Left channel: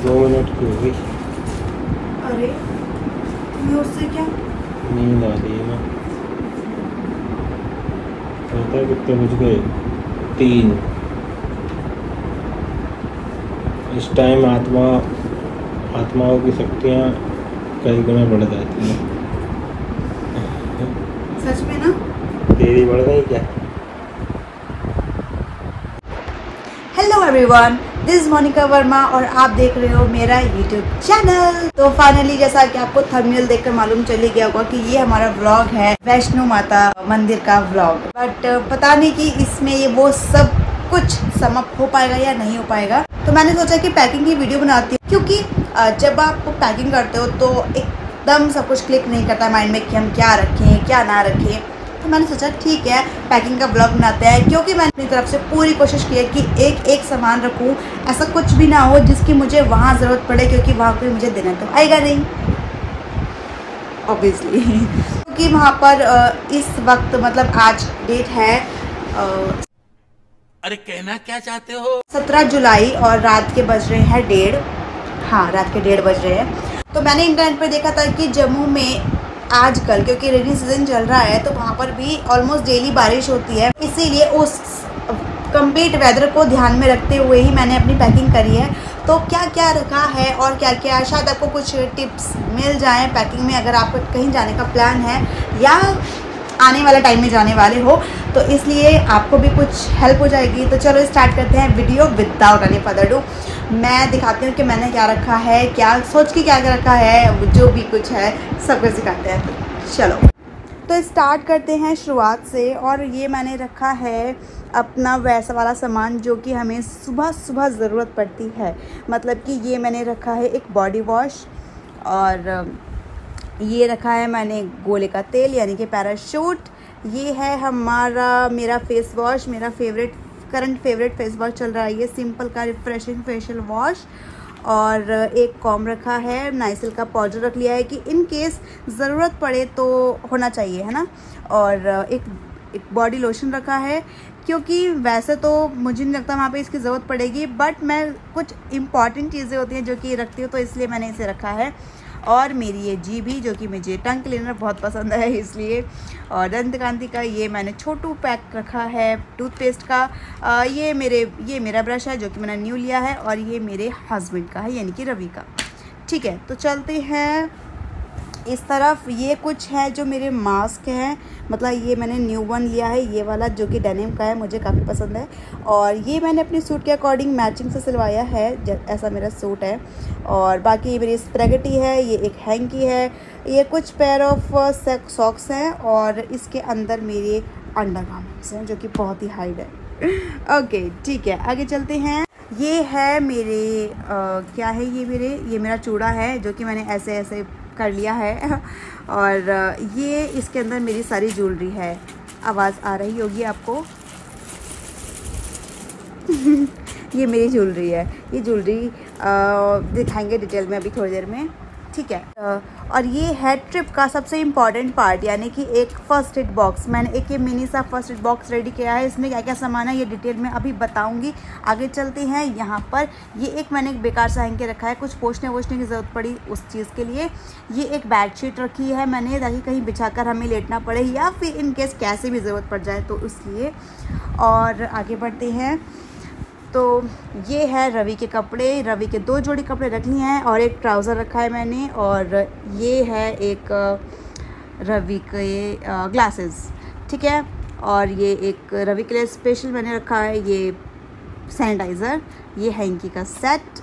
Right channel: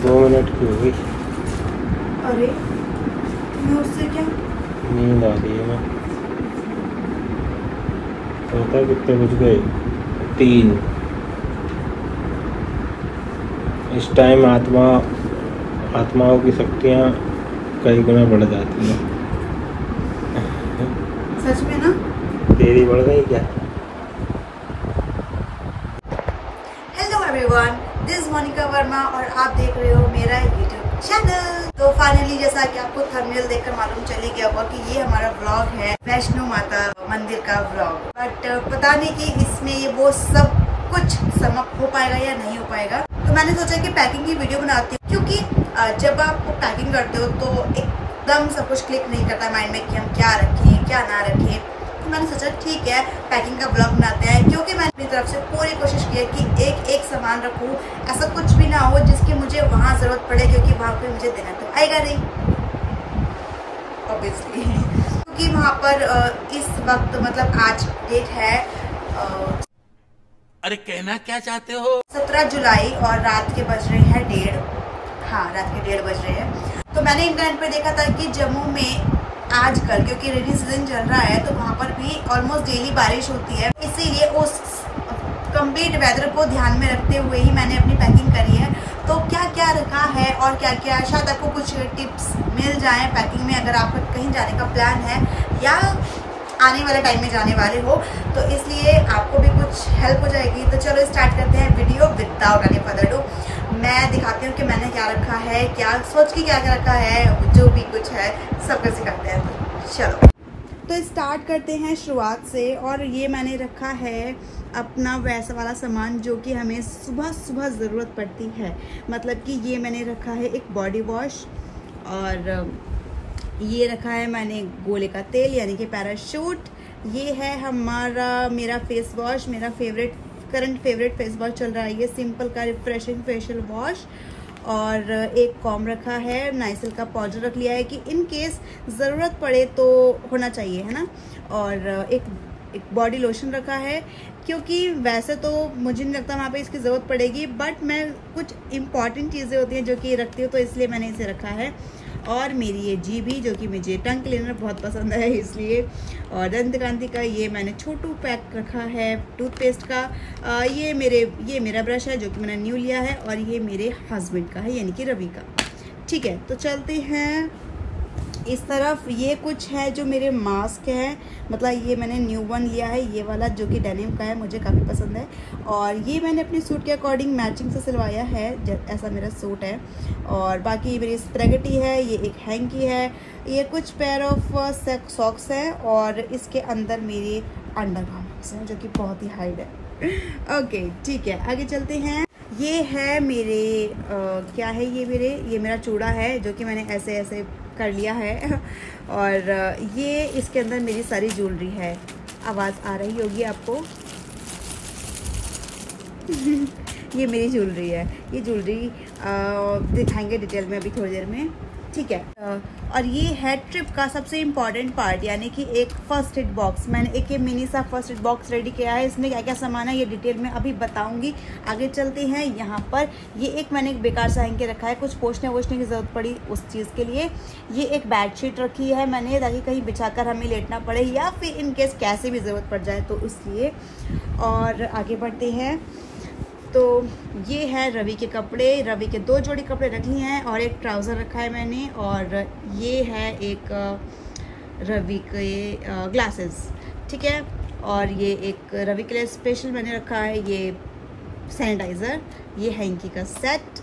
2 minute की हो गई। अरे मैं उससे क्या नींद आ रही है ना। पता कितने बज गए? 3। इस टाइम आत्माओं की शक्तियाँ कई गुना बढ़ जाती हैं। सच में ना? तेरी बढ़ गई क्या? Hello everyone, this is Monika Verma और आप देख रहे हो मेरा यूट्यूब चैनल। तो फाइनली जैसा कि आपको थंबनेल देखकर मालूम चली गया होगा कि ये हमारा व्लॉग है वैष्णो माता मंदिर का व्लॉग। बट पता नहीं कि इसमें ये वो सब कुछ समाप्त हो पाएगा या नहीं हो पाएगा। तो मैंने सोचा कि पैकिंग की वीडियो बनाती हूँ, क्योंकि जब आप पैकिंग करते हो तो एकदम सब कुछ क्लिक नहीं करता माइंड में कि हम क्या रखें क्या ना रखें। तो मैंने सोचा ठीक है पैकिंग का ब्लॉग बनाते हैं, क्योंकि मैंने अपनी तरफ से पूरी कोशिश की है कि एक एक सामान रखूं, ऐसा कुछ भी ना हो जिसकी मुझे वहाँ ज़रूरत पड़े, क्योंकि वहाँ पे मुझे देना तो आएगा नहीं ऑब्वियसली। क्योंकि वहाँ पर इस वक्त मतलब आज डेट है अरे कहना क्या चाहते हो? 17 जुलाई और रात के बज रहे हैं 1:30। हाँ, रात के 1:30 बज रहे हैं। तो मैंने इंटरनेट पे देखा था कि जम्मू में आजकल क्योंकि रेनी सीजन चल रहा है तो वहाँ पर भी ऑलमोस्ट डेली बारिश होती है, इसीलिए उस कंप्लीट वेदर को ध्यान में रखते हुए ही मैंने अपनी पैकिंग करी है। तो क्या क्या रखा है और क्या क्या, शायद आपको कुछ टिप्स मिल जाए पैकिंग में, अगर आपको कहीं जाने का प्लान है या आने वाला टाइम में जाने वाले हो, तो इसलिए आपको भी कुछ हेल्प हो जाएगी। तो चलो स्टार्ट करते हैं video without any further do. मैं दिखाती हूँ कि मैंने क्या रखा है, क्या सोच के क्या क्या रखा है, जो भी कुछ है सब कुछ दिखाते हैं। तो चलो तो स्टार्ट करते हैं शुरुआत से। और ये मैंने रखा है अपना वैसा वाला सामान जो कि हमें सुबह सुबह ज़रूरत पड़ती है। मतलब कि ये मैंने रखा है एक बॉडी वॉश, और ये रखा है मैंने गोले का तेल यानी कि पैराशूट। ये है मेरा फेस वॉश, मेरा करंट फेवरेट फेस वॉश चल रहा है ये सिंपल का रिफ्रेशिंग फेशियल वॉश। और एक कॉम रखा है, नाइसिल का पाउडर रख लिया है कि इन केस ज़रूरत पड़े तो होना चाहिए, है ना। और एक बॉडी लोशन रखा है, क्योंकि वैसे तो मुझे नहीं लगता वहाँ पे इसकी ज़रूरत पड़ेगी, बट मैं कुछ इम्पॉर्टेंट चीज़ें होती हैं जो कि रखती हूँ, तो इसलिए मैंने इसे रखा है। और मेरी ये जीभी जो कि मुझे टंग क्लीनर बहुत पसंद है इसलिए। और दंतकांति का ये मैंने छोटू पैक रखा है टूथपेस्ट का। ये मेरा ब्रश है जो कि मैंने न्यू लिया है, और ये मेरे हस्बैंड का है यानी कि रवि का। ठीक है, तो चलते हैं इस तरफ। ये कुछ है जो मेरे मास्क हैं, मतलब ये मैंने न्यू वन लिया है ये वाला जो कि डेनिम का है, मुझे काफ़ी पसंद है। और ये मैंने अपने सूट के अकॉर्डिंग मैचिंग से सिलवाया है, ऐसा मेरा सूट है। और बाकी ये मेरी स्प्रेगेटी है, ये एक हैंकी है, ये कुछ पेयर ऑफ सॉक्स हैं, और इसके अंदर मेरे अंडरगारमेंट्स हैं जो कि बहुत ही हाइड है। ओके ठीक है, आगे चलते हैं। ये है मेरे क्या है ये मेरा चूड़ा है जो कि मैंने ऐसे ऐसे कर लिया है। और ये इसके अंदर मेरी सारी ज्वेलरी है। आवाज़ आ रही होगी आपको। ये मेरी ज्वेलरी है, ये ज्वेलरी दिखाएंगे डिटेल में अभी थोड़ी देर में, ठीक है। और ये है ट्रिप का सबसे इम्पॉर्टेंट पार्ट, यानी कि एक फर्स्ट एड बॉक्स। मैंने एक ये मिनी सा फर्स्ट एड बॉक्स रेडी किया है, इसमें क्या क्या सामान है ये डिटेल में अभी बताऊंगी। आगे चलते हैं। यहाँ पर ये एक मैंने एक बेकार सा हैंग के रखा है, कुछ पोंछने वोछने की ज़रूरत पड़ी उस चीज़ के लिए। ये एक बेडशीट रखी है मैंने, ताकि कहीं बिछाकर हमें लेटना पड़े या फिर इन केस कैसे भी ज़रूरत पड़ जाए तो इसलिए। और आगे बढ़ते हैं। तो ये है रवि के कपड़े, रवि के 2 जोड़ी कपड़े रखी हैं, और एक ट्राउज़र रखा है मैंने। और ये है एक रवि के ग्लासेस, ठीक है। और ये एक रवि के लिए स्पेशल मैंने रखा है ये सैनिटाइज़र, ये हैंकी का सेट।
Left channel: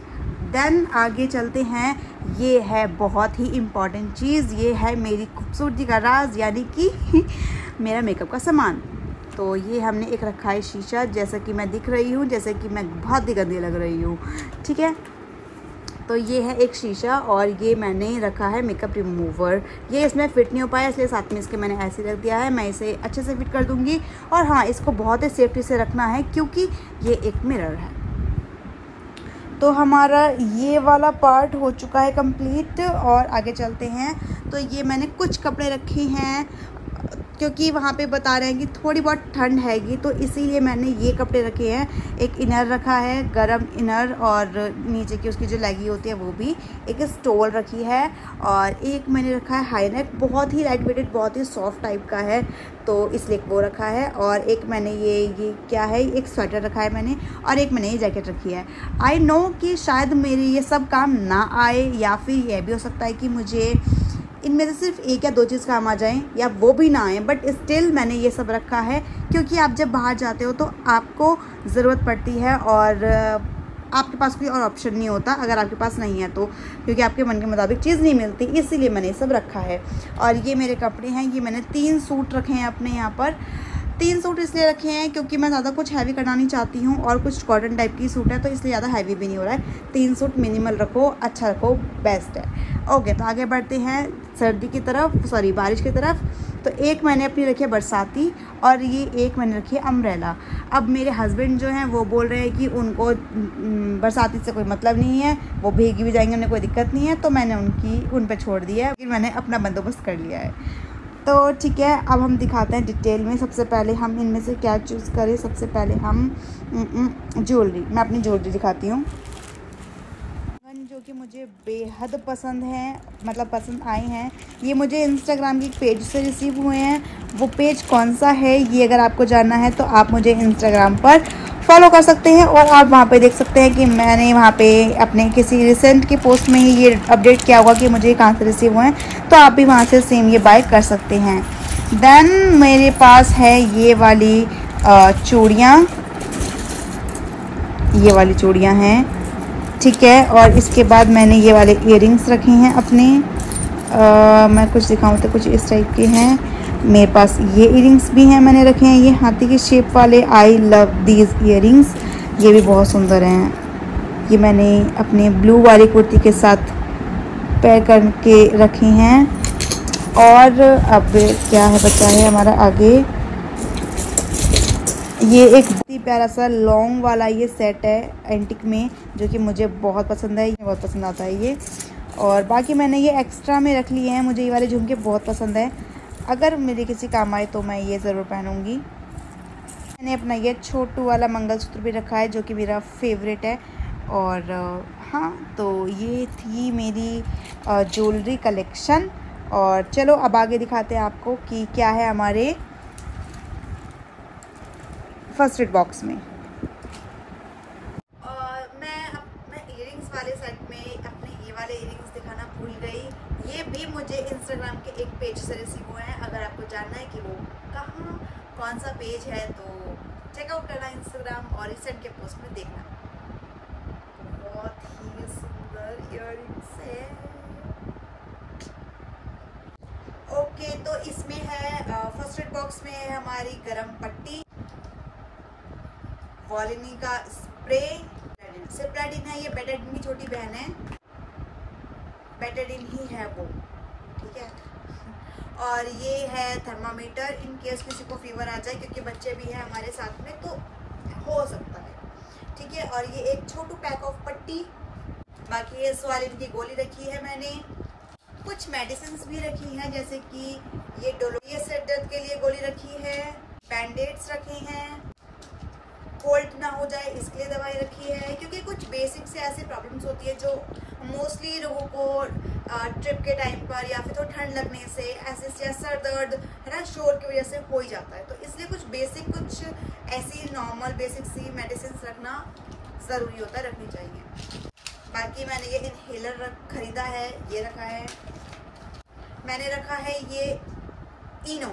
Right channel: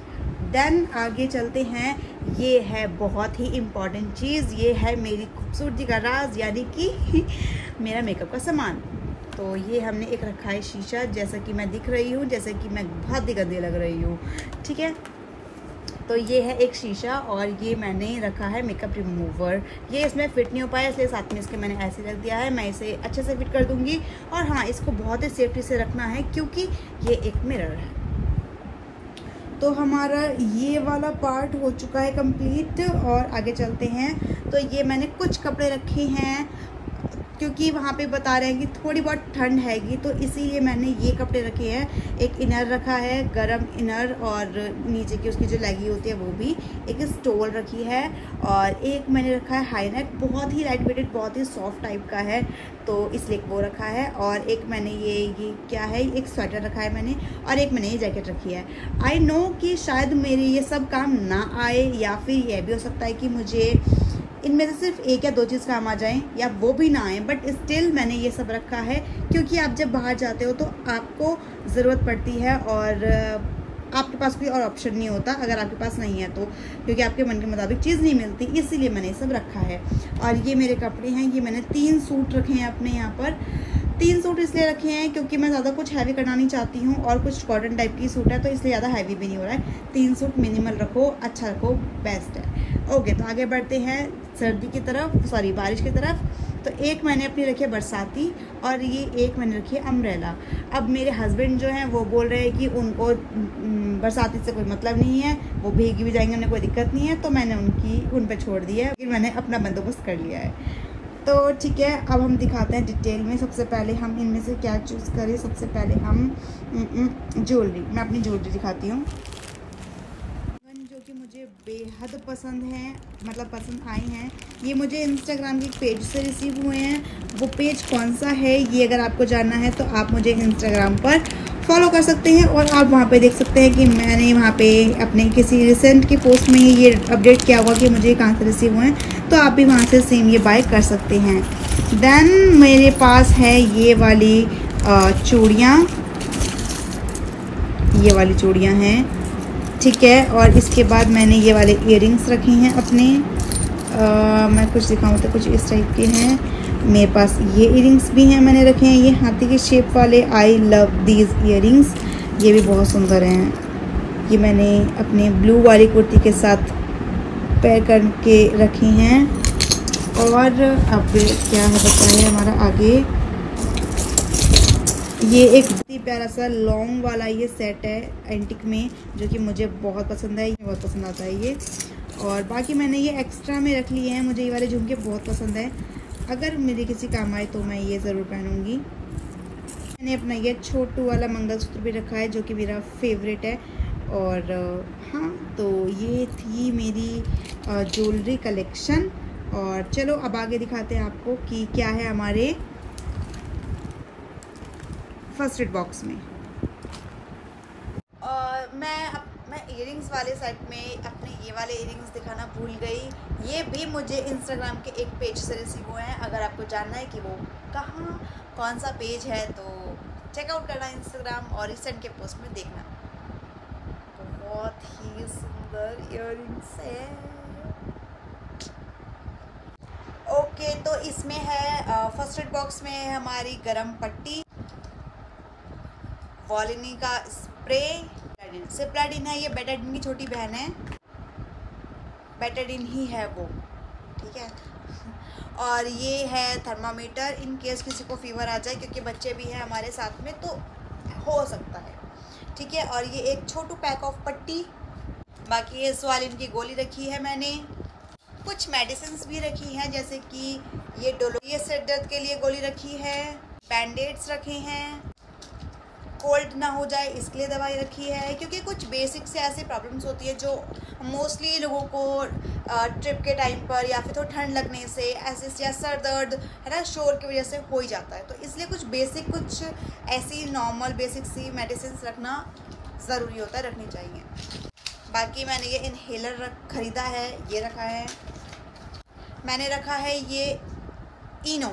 देन आगे चलते हैं। ये है बहुत ही इम्पॉर्टेंट चीज़, ये है मेरी खूबसूरती का राज यानी कि मेरा मेकअप का सामान। तो ये हमने एक रखा है शीशा, जैसा कि मैं दिख रही हूँ, जैसे कि मैं बहुत ही गंदी लग रही हूँ, ठीक है। तो ये है एक शीशा, और ये मैंने रखा है मेकअप रिमूवर। ये इसमें फिट नहीं हो पाया इसलिए साथ में इसके मैंने ऐसे रख दिया है, मैं इसे अच्छे से फिट कर दूँगी। और हाँ, इसको बहुत ही सेफ्टी से रखना है क्योंकि ये एक मिरर है। तो हमारा ये वाला पार्ट हो चुका है कंप्लीट, और आगे चलते हैं। तो ये मैंने कुछ कपड़े रखे हैं, क्योंकि वहाँ पे बता रहे हैं कि थोड़ी बहुत ठंड हैगी, तो इसीलिए मैंने ये कपड़े रखे हैं। एक इनर रखा है, गरम इनर, और नीचे की उसकी जो लेगी होती है वो भी। एक स्टोल रखी है, और एक मैंने रखा है हाई नेक, बहुत ही लाइट वेटेड, बहुत ही सॉफ्ट टाइप का है, तो इसलिए वो रखा है। और एक मैंने ये क्या है, एक स्वेटर रखा है मैंने, और एक मैंने ये जैकेट रखी है। आई नो कि शायद मेरे ये सब काम ना आए, या फिर यह भी हो सकता है कि मुझे इनमें से सिर्फ एक या दो चीज़ काम आ जाएं, या वो भी ना आए, बट स्टिल मैंने ये सब रखा है क्योंकि आप जब बाहर जाते हो तो आपको ज़रूरत पड़ती है, और आपके पास कोई और ऑप्शन नहीं होता अगर आपके पास नहीं है तो, क्योंकि आपके मन के मुताबिक चीज़ नहीं मिलती, इसीलिए मैंने ये सब रखा है। और ये मेरे कपड़े हैं, ये मैंने 3 सूट रखे हैं अपने यहाँ पर। 3 सूट इसलिए रखे हैं क्योंकि मैं ज़्यादा कुछ हैवी करना नहीं चाहती हूँ, और कुछ कॉटन टाइप की सूट है तो इसलिए ज़्यादा हैवी भी नहीं हो रहा है। 3 सूट मिनिमल रखो, अच्छा रखो, बेस्ट है। ओके, तो आगे बढ़ते हैं सर्दी की तरफ, सॉरी बारिश की तरफ। तो एक मैंने अपनी रखी है बरसाती, और ये एक मैंने रखी है अम्ब्रेला। अब मेरे हस्बैंड जो हैं वो बोल रहे हैं कि उनको बरसाती से कोई मतलब नहीं है, वो भीगी भी जाएंगे, उन्हें कोई दिक्कत नहीं है, तो मैंने उन पे छोड़ दिया है, क्योंकि मैंने अपना बंदोबस्त कर लिया है। तो ठीक है, अब हम दिखाते हैं डिटेल में। सबसे पहले हम इनमें से क्या चूज़ करें। सबसे पहले हम ज्वेलरी, मैं अपनी ज्वेलरी दिखाती हूँ जो कि मुझे बेहद पसंद है, मतलब पसंद आई हैं। ये मुझे इंस्टाग्राम की पेज से रिसीव हुए हैं। वो पेज कौन सा है ये अगर आपको जानना है तो आप मुझे इंस्टाग्राम पर फॉलो कर सकते हैं, और आप वहाँ पे देख सकते हैं कि मैंने वहाँ पे अपने किसी रिसेंट की पोस्ट में ही ये अपडेट किया होगा कि मुझे कहाँ से रिसीव हुए हैं, तो आप भी वहाँ से सेम ये बाय कर सकते हैं। देन मेरे पास है ये वाली चूड़ियाँ, ये वाली चूड़ियाँ हैं, ठीक है। और इसके बाद मैंने ये वाले इयररिंग्स रखे हैं अपने, मैं कुछ दिखाऊं तो कुछ इस टाइप के हैं। मेरे पास ये इयररिंग्स भी हैं, मैंने रखे हैं ये हाथी की शेप वाले। आई लव दीज इयररिंग्स, ये भी बहुत सुंदर हैं। ये मैंने अपने ब्लू वाली कुर्ती के साथ पैर करके रखे हैं। और अब क्या है बचा है हमारा आगे, ये एक बहुत ही प्यारा सा लॉन्ग वाला ये सेट है एंटिक में, जो कि मुझे बहुत पसंद है, बहुत पसंद आता है ये। और बाकी मैंने ये एक्स्ट्रा में रख लिए हैं, मुझे ये वाले झुमके बहुत पसंद है, अगर मेरे किसी काम आए तो मैं ये ज़रूर पहनूंगी। मैंने अपना ये छोटू वाला मंगलसूत्र भी रखा है, जो कि मेरा फेवरेट है। और हाँ, तो ये थी मेरी ज्वेलरी कलेक्शन। और चलो अब आगे दिखाते हैं आपको कि क्या है हमारे फर्स्ट एड बॉक्स में। और मैं इयररिंग्स वाले सेट में अपने ये वाले इयररिंग्स दिखाना भूल गई। ये भी मुझे इंस्टाग्राम के एक पेज से रिसीव हुए हैं। अगर आपको जानना है कि वो कहाँ कौन सा पेज है तो चेकआउट करना इंस्टाग्राम, और रिसेंट के पोस्ट में देखना। बहुत ही सुंदर इयररिंग्स है। ओके, तो इसमें है फर्स्ट एड बॉक्स में है हमारी गरम पट्टी, वॉलिनी का स्प्रे, सिप्लाडिन है, ये बेटाडिन की छोटी बहन है, बेटाडिन ही है वो, ठीक है। और ये है थर्मामीटर, इन केस किसी को फीवर आ जाए, क्योंकि बच्चे भी हैं हमारे साथ में तो हो सकता है, ठीक है। और ये एक छोटू पैक ऑफ पट्टी, बाकी ये स्वालिन की गोली रखी है मैंने, कुछ मेडिसिन भी रखी हैं, जैसे कि ये डोलो, ये सिर दर्द के लिए गोली रखी है, बैंडेड्स रखे हैं, कोल्ड ना हो जाए इसके लिए दवाई रखी है, क्योंकि कुछ बेसिक से ऐसी प्रॉब्लम्स होती है जो मोस्टली लोगों को ट्रिप के टाइम पर या फिर थोड़ा ठंड लगने से ऐसे या सर दर्द है ना, शोर की वजह से हो ही जाता है। तो इसलिए कुछ बेसिक, कुछ ऐसी नॉर्मल बेसिक सी मेडिसिन रखना ज़रूरी होता है, रखनी चाहिए। बाकी मैंने ये इनहेलर खरीदा है, ये रखा है। मैंने रखा है ये इनो,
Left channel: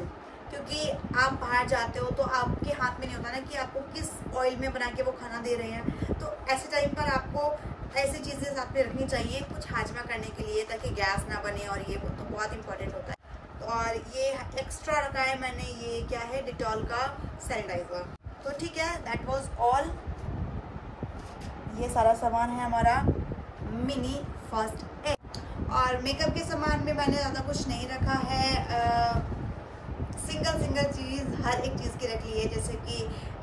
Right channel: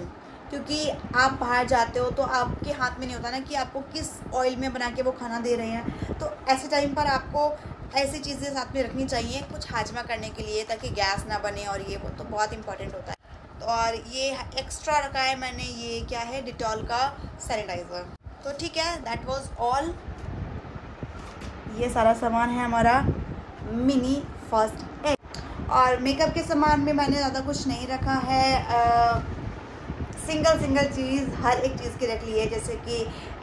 क्योंकि आप बाहर जाते हो तो आपके हाथ में नहीं होता ना कि आपको किस ऑयल में बना के वो खाना दे रहे हैं, तो ऐसे टाइम पर आपको ऐसी चीज़ें साथ में रखनी चाहिए कुछ हाजमा करने के लिए, ताकि गैस ना बने, और ये वो तो बहुत इंपॉर्टेंट होता है। और ये एक्स्ट्रा रखा है मैंने, ये क्या है, डिटॉल का सैनिटाइज़र। तो ठीक है, दैट वाज ऑल। ये सारा सामान है हमारा मिनी फर्स्ट एड। और मेकअप के सामान में मैंने ज़्यादा कुछ नहीं रखा है, सिंगल चीज़ हर एक चीज़ की रख ली है, जैसे कि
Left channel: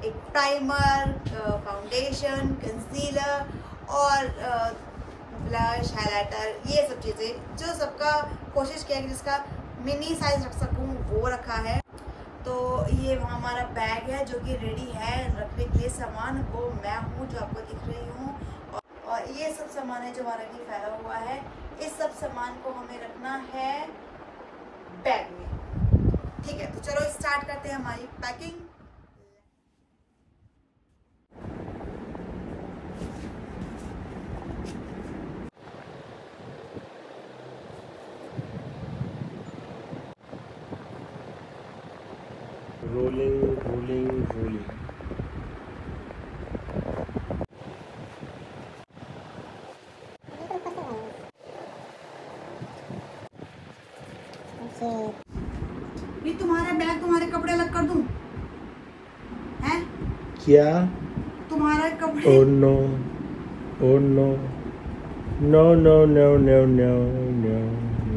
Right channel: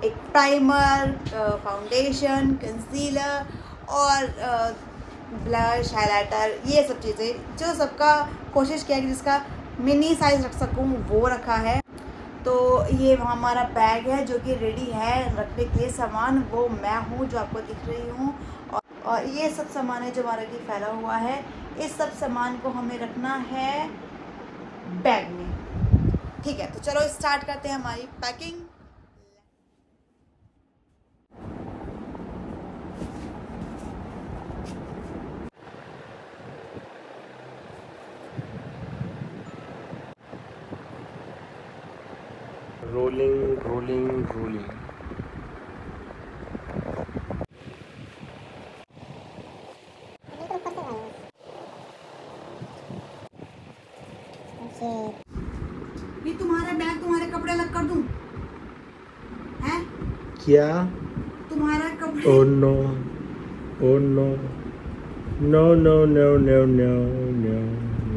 एक प्राइमर, फाउंडेशन, कंसीलर और ब्लश, हाइलाइटर, ये सब चीज़ें जो सबका कोशिश किया कि जिसका मिनी साइज रख सकूँ वो रखा है। तो ये हमारा बैग है जो कि रेडी है रखने के लिए सामान, वो मैं हूँ जो आपको दिख रही हूँ। और ये सब सामान है जो हमारे लिए फैला हुआ है। इस सब सामान को हमें रखना है बैग में। ठीक है, तो चलो स्टार्ट करते हैं हमारी पैकिंग। Rolling rolling rolling. ये तुम्हारे बैग, तुम्हारे कपड़े अलग कर दूं? हैं? क्या? तुम्हारे कपड़े? Oh no, oh no, no no no no no no.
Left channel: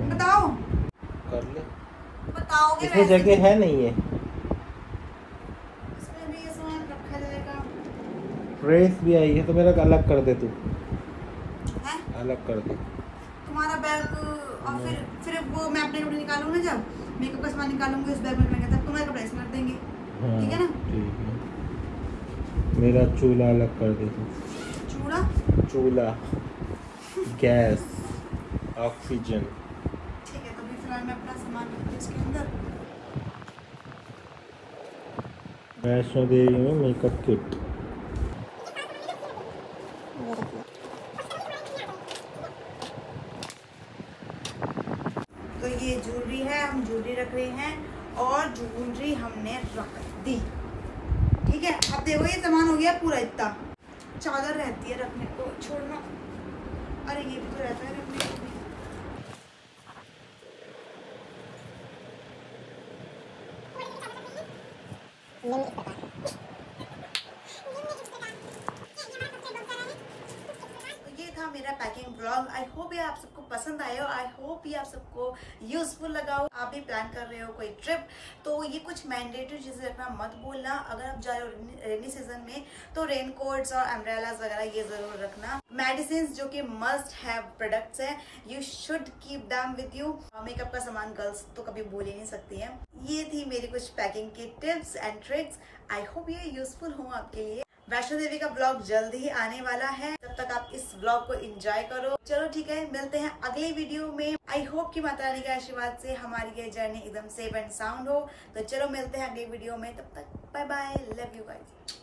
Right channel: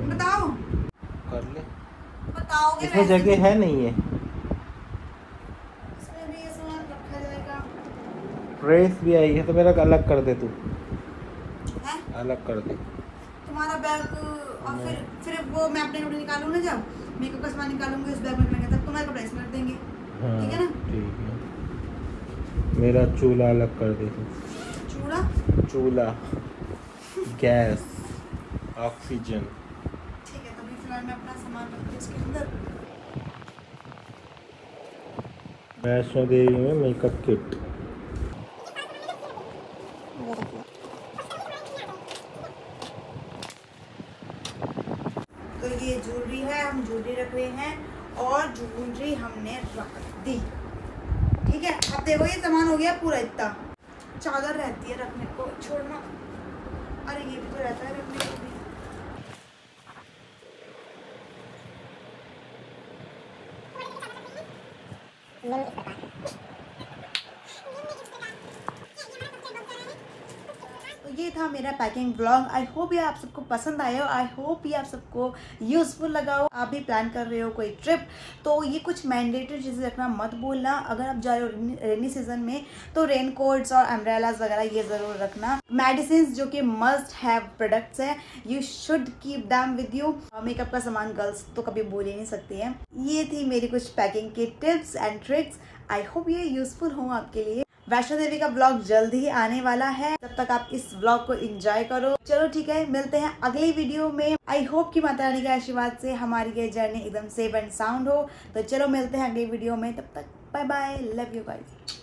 बताओ, कर ले। बताओगे? इसमें जगह है नहीं है। इसमें भी ये सामान रखा जाएगा। ड्रेस भी आई है तो मेरा अलग कर दे तू। हैं? अलग कर दे। तुम्हारा बैग और फिर वो मैं अपने कपड़े निकालूँ ना, जब मेकअप का सामान निकालूंगी उस बैग में रखेंगे, तब तुम्हारे कपड़े इसमें रख देंगे। हाँ, ठीक है ना? ठीक है। मेरा चूल्हा अलग कर दे तू। चूड़ा? चूल्हा, गैस, ऑक्सीजन। ठीक है, तो अभी फिलहाल मैं अपना सामान रखती हूँ इसके अंदर। वैष्णो देवी में मेकअप किट। तो ये ज्वेलरी है, हम ज्वेलरी रख रहे हैं और ज्वेलरी हमने रख दी। ठीक है, अब देखो ये सामान हो गया पूरा इतना। चादर रहती है रखने को, छोड़ना। अरे ये भी तो रहता है रखने को भी। ये था मेरा पैकिंग व्लॉग। आई होप ये आप सबको पसंद आया हो, आई होप ये आप सबको यूजफुल लगा हो। आप भी प्लान कर रहे हो कोई ट्रिप तो ये कुछ मैंडेटरी चीजें रखना मत भूलना। अगर आप जा रहे हो रेनी सीजन में तो रेन कोट्स और अम्ब्रेलास वगैरह ये जरूर रखना। मेडिसिन जो कि मस्ट हैव प्रोडक्ट्स है, you should keep them with you. Makeup का सामान गर्ल्स तो कभी भूल ही नहीं सकती है। ये थी मेरी कुछ पैकिंग की tips and tricks. I hope ये यूजफुल हो आपके लिए। वैष्णो देवी का ब्लॉग जल्द ही आने वाला है, तब तक आप इस ब्लॉग को एंजॉय करो। चलो ठीक है, मिलते हैं अगली वीडियो में। आई होप कि माता रानी के आशीर्वाद से हमारी ये जर्नी एकदम सेफ एंड साउंड हो। तो चलो मिलते हैं अगली वीडियो में, तब तक bye bye, love you guys.